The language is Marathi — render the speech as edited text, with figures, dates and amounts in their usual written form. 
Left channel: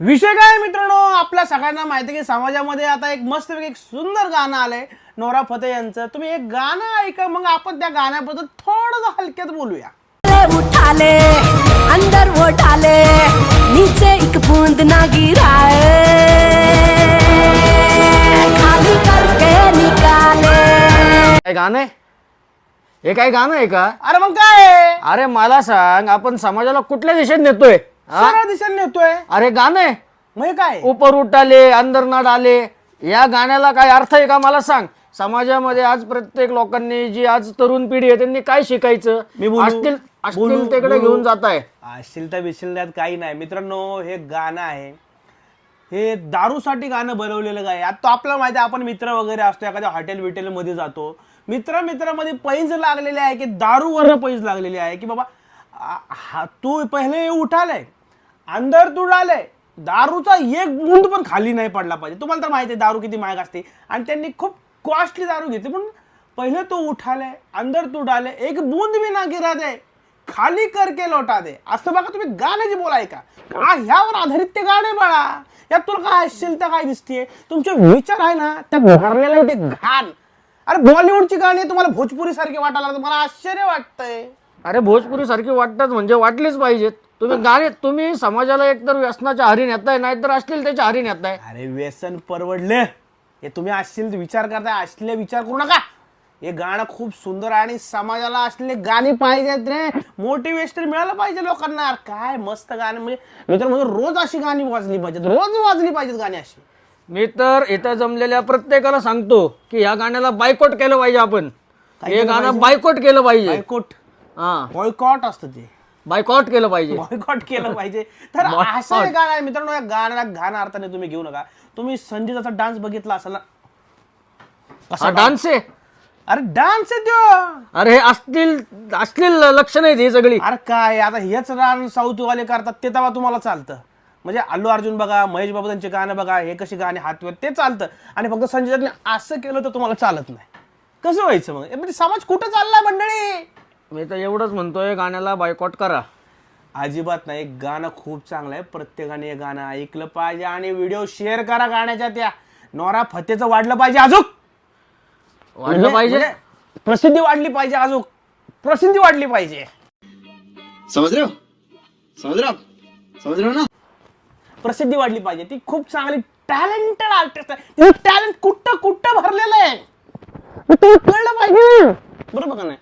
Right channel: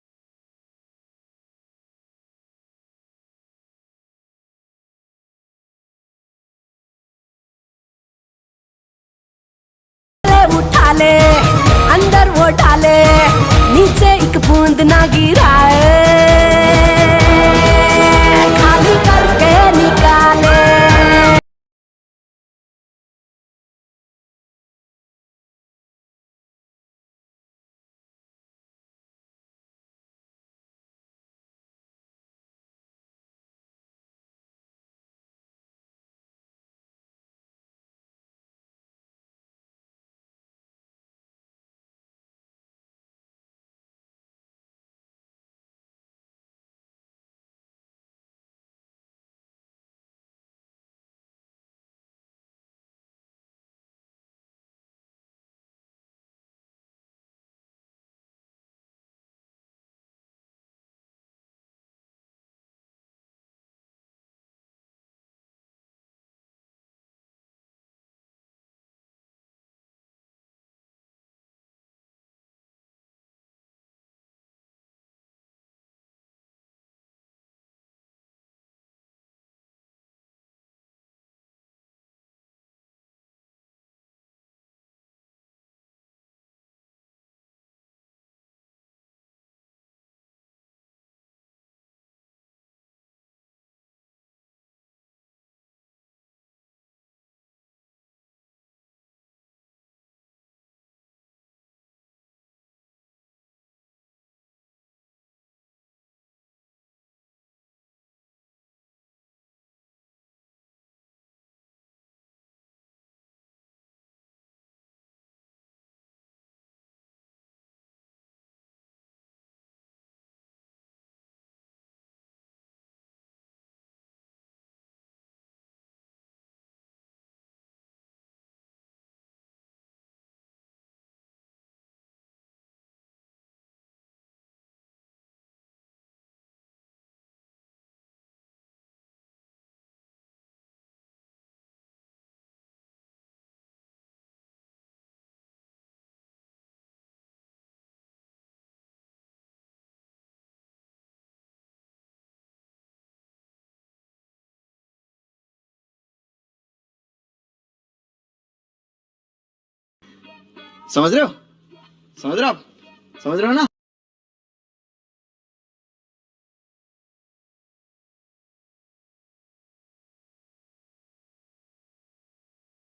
विषय काय मित्रांनो, आपल्या सगळ्यांना माहिती आहे की समाजामध्ये आता एक मस्त एक सुंदर गाणं आलंय नोरा फतेही यांचं. तुम्ही एक गाणं ऐका, मग आपण त्या गाण्याबद्दल थोडं हलक्यात बोलूया. उठा ले अंदर उठा ले नीचे एक बूंद ना गिराए खाली करके निकाले. काय गाणं आहे हे? काय गाणं आहे का? अरे मग काय, अरे मला सांग, आपण समाजाला कुठल्या दिशेने नेतोय? हा? सरळ दिशेने नेतोय. अरे गाणं आहे मग काय, ऊपर उठाले अंदर ना डाले, या गाण्याला काय अर्थ आहे का? मला सांग. समाजामध्ये आज प्रत्येक लोकांनी, जी आज तरुण पिढी आहे, त्यांनी काय शिकायचं? मी बोलू? अश्लीलतेकडे घेऊन जात आहे. अश्लीलता बिश्लीलतात काही नाही मित्रांनो. हे गाणं आहे, हे दारूसाठी गाणं बनवलेलं काय. आता आपल्याला माहिती आहे, आपण मित्र वगैरे असतो, एखाद्या हॉटेल बिटेल मध्ये जातो, मित्रामध्ये पैंज लागलेले आहे की दारूवर पैंज लागलेली आहे की बाबा तू पहिले उठाले अंदर तू डाले, दारूचा एक बूंद पण खाली नाही पडला पाहिजे. तुम्हाला तर माहिती आहे दारू किती महाग असते, आणि त्यांनी खूप कॉस्टली दारू घेतली. पण पहिले तू उठाले अंदर तू डाले, एक बूंद भी ना गिरा दे, खाली करके लौटा दे. असं बघा तुम्ही गाण्याची बोलाय का ह्यावर आधारित ते गाणे बाळा. यात तुला काय अश्लीलता काय दिसते? तुमचे विचार आहे ना त्या भरलेले ते घाण. अरे बॉलिवूडची गाणी तुम्हाला भोजपुरी सारखी वाटायला लागतात, मला आश्चर्य वाटतंय. अरे भोजपुरी सारखी वाटतात म्हणजे वाटलीच पाहिजेत. तुम्ही गाणे, तुम्ही समाजाला एकतर व्यसनाच्या आहारी नेताय, नाहीतर अश्लीलतेच्या आहारी नेताय. अरे व्यसन परवडले, हे तुम्ही अश्लील विचार करताय. अश्लील विचार करू नका. हे गाणं खूप सुंदर आहे आणि समाजाला असलेले गाणी पाहिजेत रे. मोटिवेशन मिळालं पाहिजे लोकांना. काय मस्त गाणं, म्हणजे मित्रांनो रोज अशी गाणी वाजली पाहिजेत, रोज वाजली पाहिजेत गाणी अशी. मी तर इथं जमलेल्या प्रत्येकाला सांगतो की या गाण्याला बायकॉट केलं पाहिजे. आपण हे गाणं बायकॉट केलं पाहिजे. बायकॉट, हा, बॉयकॉट असतं ते, बायकॉट केलं पाहिजे. बॉयकॉट केलं पाहिजे. तर असं हे गाणं आहे मित्रांनो. या गाण्याला घाण अर्थाने तुम्ही घेऊ नका. तुम्ही संजीताचा डान्स बघितला असेल ना, कसा डान्स आहे? अरे डान्स आहे त्यो. अरे हे असतील लक्षण आहेत ही सगळी. अरे काय आता हेच डान्स साऊथ वाले करतात, ते तेव्हा तुम्हाला चालतं. म्हणजे अल्लू अर्जुन बघा, महेश बाबू त्यांचे गाणं बघा, हे कशी गाणी हातवर ते चालतं, आणि फक्त संजय असं केलं तर तुम्हाला चालत नाही. कसं व्हायचं मग? म्हणजे समाज कुठं चाललाय मंडळी? मी तर एवढंच म्हणतोय, गाण्याला बायकॉट करा. अजिबात नाही. गाणं खूप चांगलं आहे, प्रत्येकाने हे गाणं ऐकलं पाहिजे आणि व्हिडिओ शेअर करा गाण्याच्या. त्या नोरा फतेचं वाढलं पाहिजे, अजून वाढलं पाहिजे, प्रसिद्धी वाढली पाहिजे, अजून प्रसिद्धी वाढली पाहिजे. समझ रहे हो ना? प्रसिद्धी वाढली पाहिजे. ती खूप चांगली टॅलेंटेड आर्टिस्ट आहे. तिचं टॅलेंट कुठं कुठं भरलेलं आहे, तुम्ही कळलं पाहिजे. बरोबर का नाही?